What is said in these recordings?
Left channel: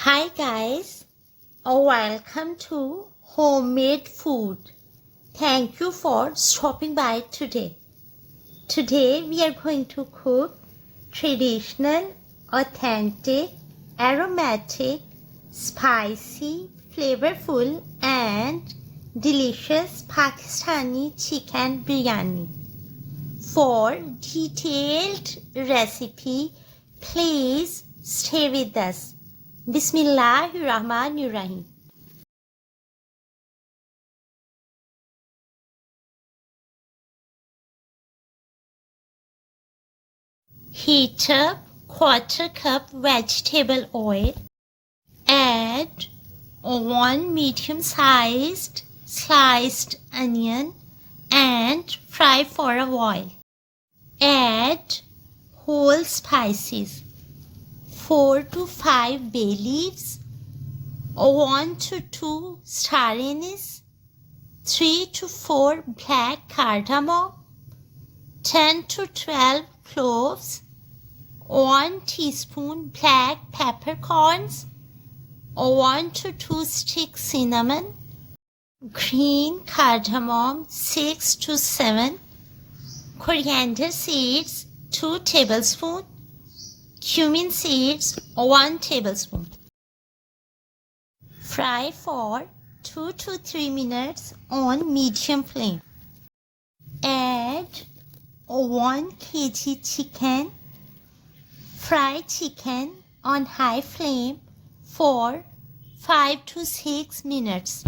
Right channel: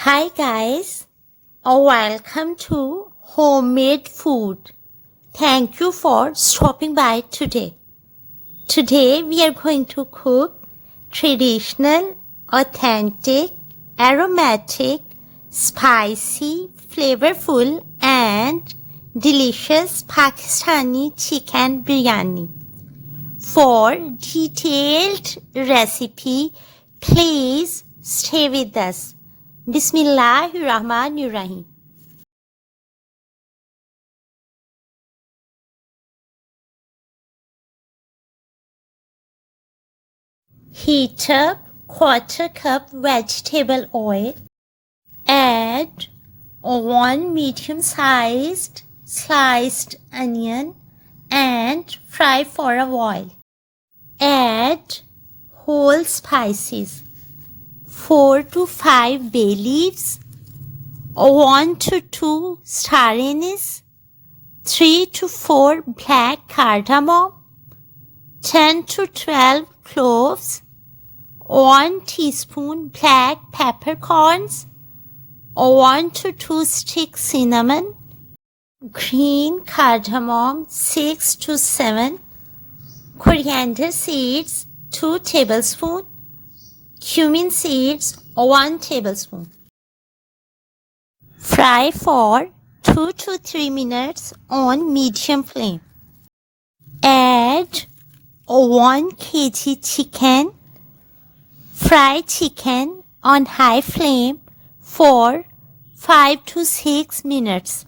Hi guys, welcome to Homemade Food. Thank you for stopping by today. Today we are going to cook traditional, authentic, aromatic, spicy, flavorful and delicious Pakistani chicken biryani. For detailed recipe, please stay with us. Bismillahirrahmanirrahim. Heat up quarter cup vegetable oil. Add 1 medium-sized sliced onion and fry for a while. Add whole spices. 4 to 5 bay leaves, 1 to 2 star anise, 3 to 4 black cardamom, 10 to 12 cloves, 1 teaspoon black peppercorns, 1 to 2 sticks cinnamon, green cardamom 6 to 7, coriander seeds 2 tablespoons, cumin seeds 1 tablespoon. Fry for 2 to 3 minutes on medium flame. Add 1 kg chicken. Fry chicken on high flame for 5 to 6 minutes.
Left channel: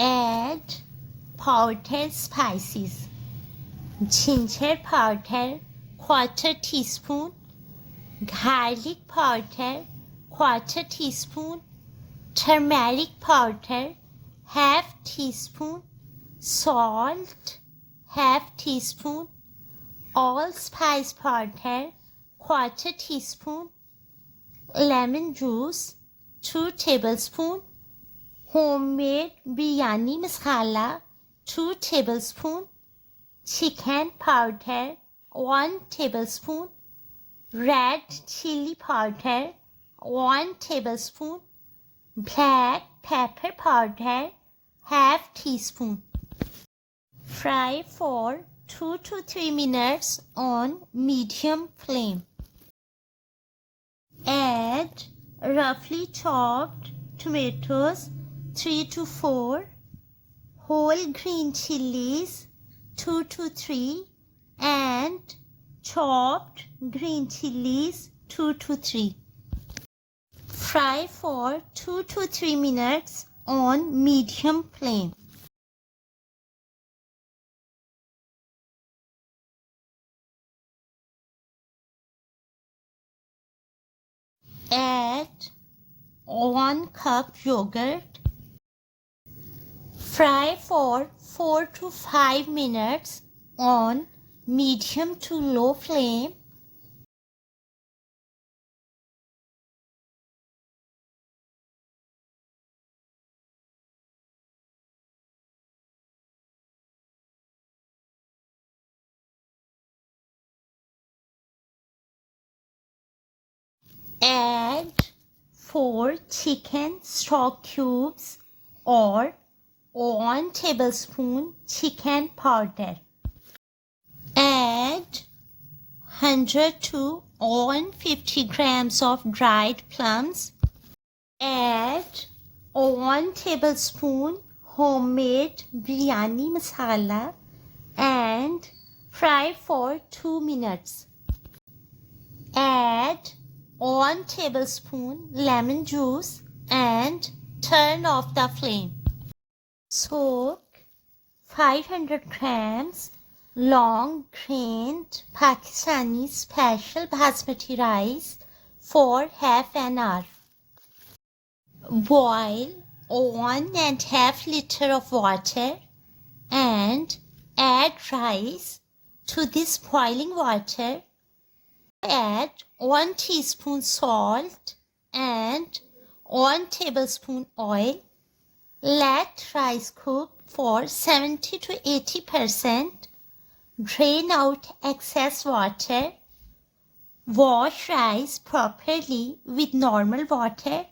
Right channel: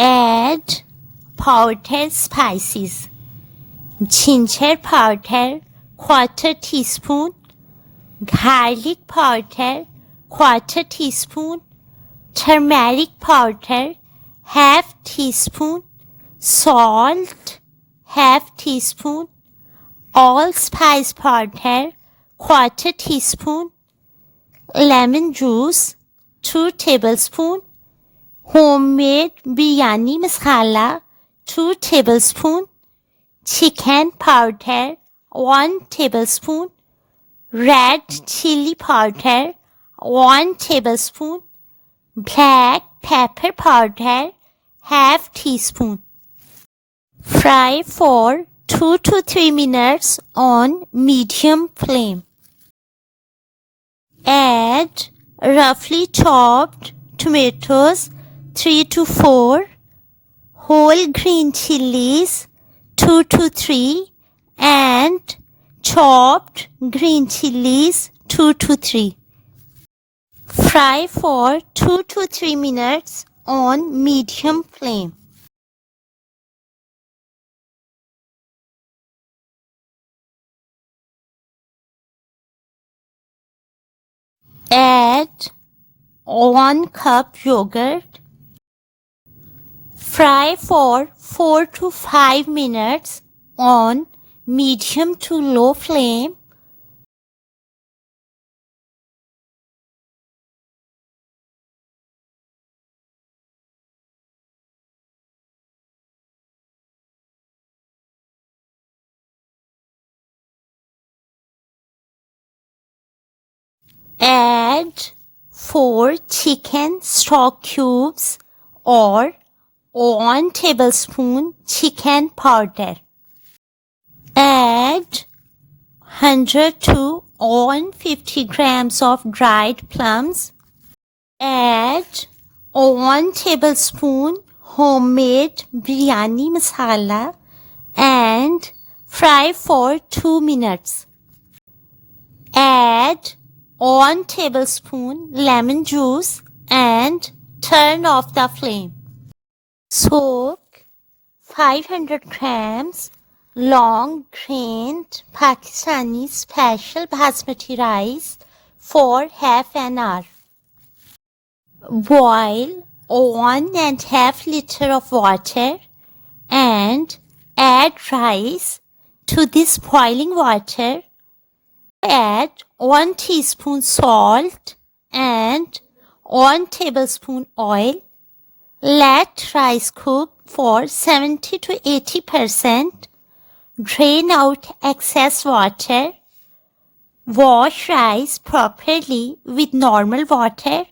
Add powdered spices. Ginger powder quarter teaspoon, garlic powder quarter teaspoon, turmeric powder half teaspoon, salt half teaspoon, allspice powder quarter teaspoon, lemon juice 2 tablespoons, homemade biryani masala 2 tablespoons, chicken powder 1 tablespoon, red chili powder 1 tablespoon, black pepper powder half teaspoon. Fry for 2 to 3 minutes on medium flame. Add roughly chopped tomatoes 3 to 4, whole green chilies 2 to 3 and chopped green chilies 2 to 3. Fry for 2 to 3 minutes on medium flame. Add 1 cup yogurt. Fry for 4 to 5 minutes on medium to low flame. Add 4 chicken stock cubes or 1 tablespoon chicken powder. Add 100 to 150 grams of dried plums. Add 1 tablespoon homemade biryani masala and fry for 2 minutes. Add 1 tablespoon lemon juice and turn off the flame. Soak 500 grams long grained Pakistani special basmati rice for half an hour. Boil 1.5 liters of water and add rice to this boiling water. Add 1 teaspoon salt and 1 tablespoon oil. Let rice cook for 70 to 80%. Drain out excess water. Wash rice properly with normal water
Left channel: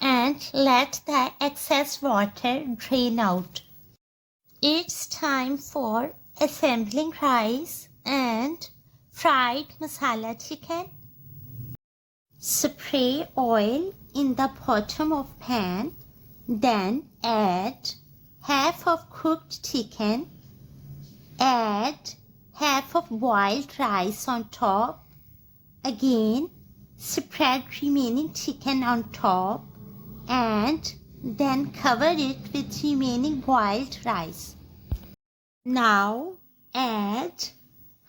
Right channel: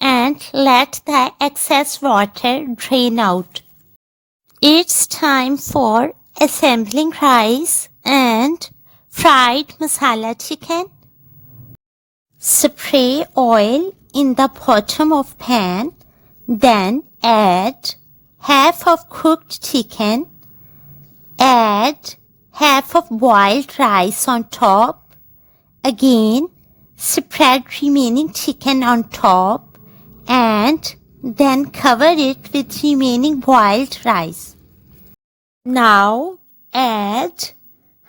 and let the excess water drain out. It's time for assembling rice and fried masala chicken. Spray oil in the bottom of pan, then add half of cooked chicken. Add half of boiled rice on top. Again, spread remaining chicken on top and then cover it with remaining boiled rice. Now add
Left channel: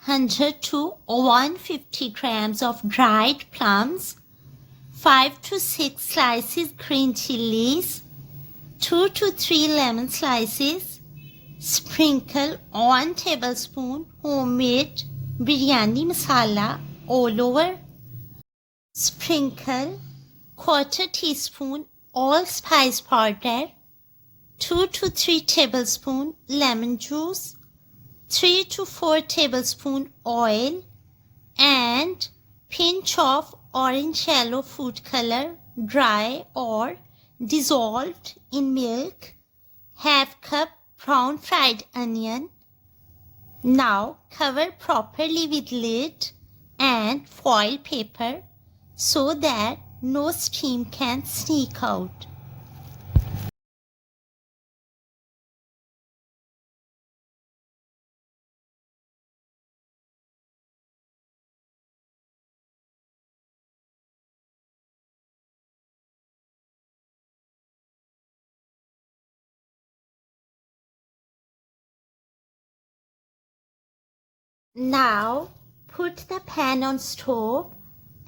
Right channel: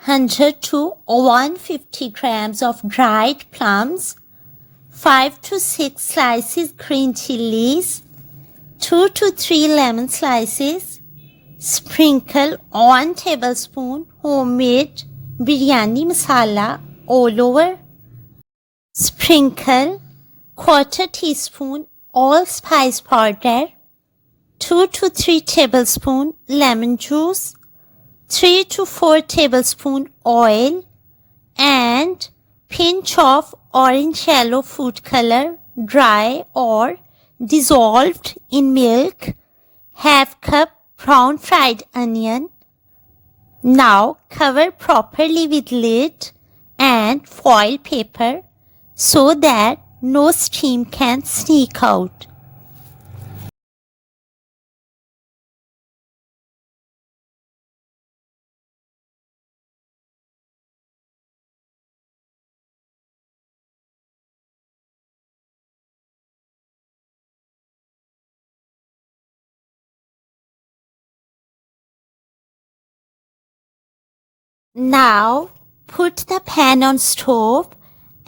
100 to 150 grams of dried plums, 5 to 6 slices green chilies, 2 to 3 lemon slices. Sprinkle 1 tablespoon homemade biryani masala all over. Sprinkle 1/4 teaspoon allspice powder, 2 to 3 tablespoon lemon juice, 3 to 4 tablespoon oil, and pinch of orange yellow food color, dry or dissolved in milk, half cup brown fried onion. Now cover properly with lid and foil paper so that no steam can sneak out. Now put the pan on stove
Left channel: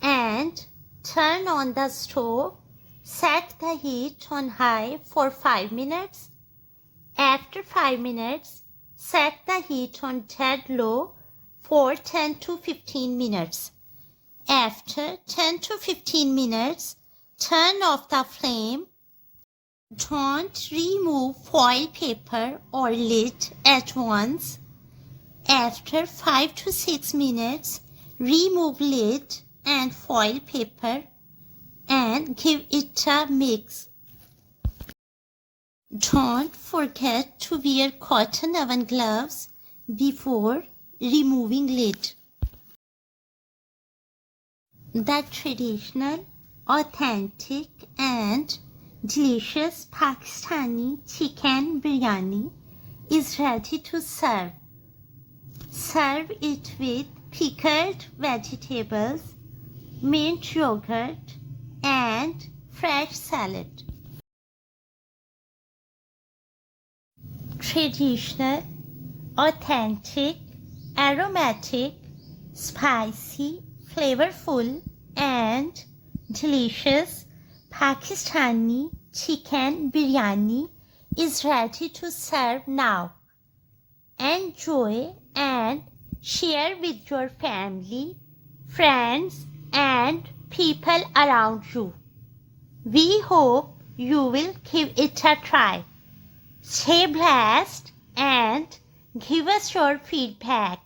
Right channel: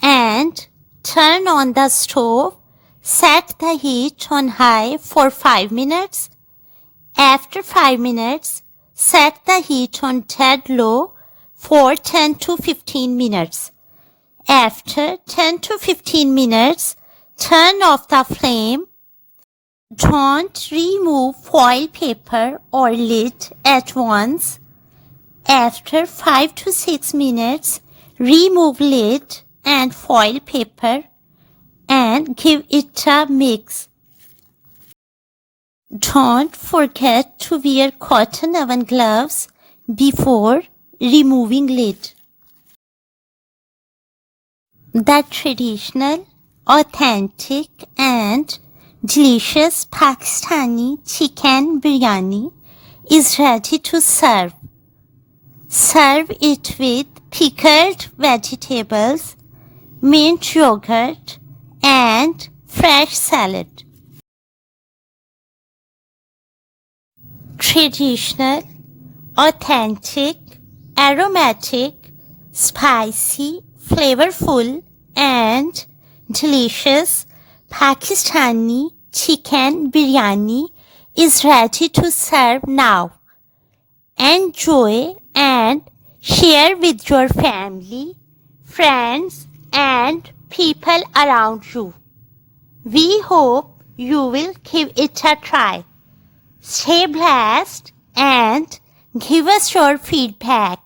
and turn on the stove. Set the heat on high for 5 minutes. After 5 minutes, set the heat on dead low for 10 to 15 minutes. After 10 to 15 minutes, turn off the flame. Don't remove foil paper or lid at once. After 5 to 6 minutes, remove lid and foil paper and give it a mix. Don't forget to wear cotton oven gloves before removing lid. The traditional, authentic and delicious Pakistani chicken biryani is ready to serve. Serve it with pickled vegetables, mint yogurt, and fresh salad. Traditional, authentic, aromatic, spicy, flavorful, and delicious Pakistani chicken biryani is ready to serve now. Enjoy and share with your family, friends, and people around you. We hope you will give it a try. Stay blessed and give us your feedback.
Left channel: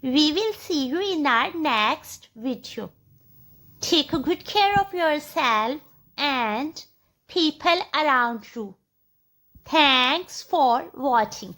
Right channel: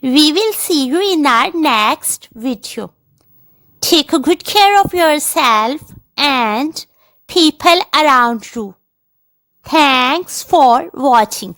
We will see you in our next video. Take good care of yourself and people around you. Thanks for watching.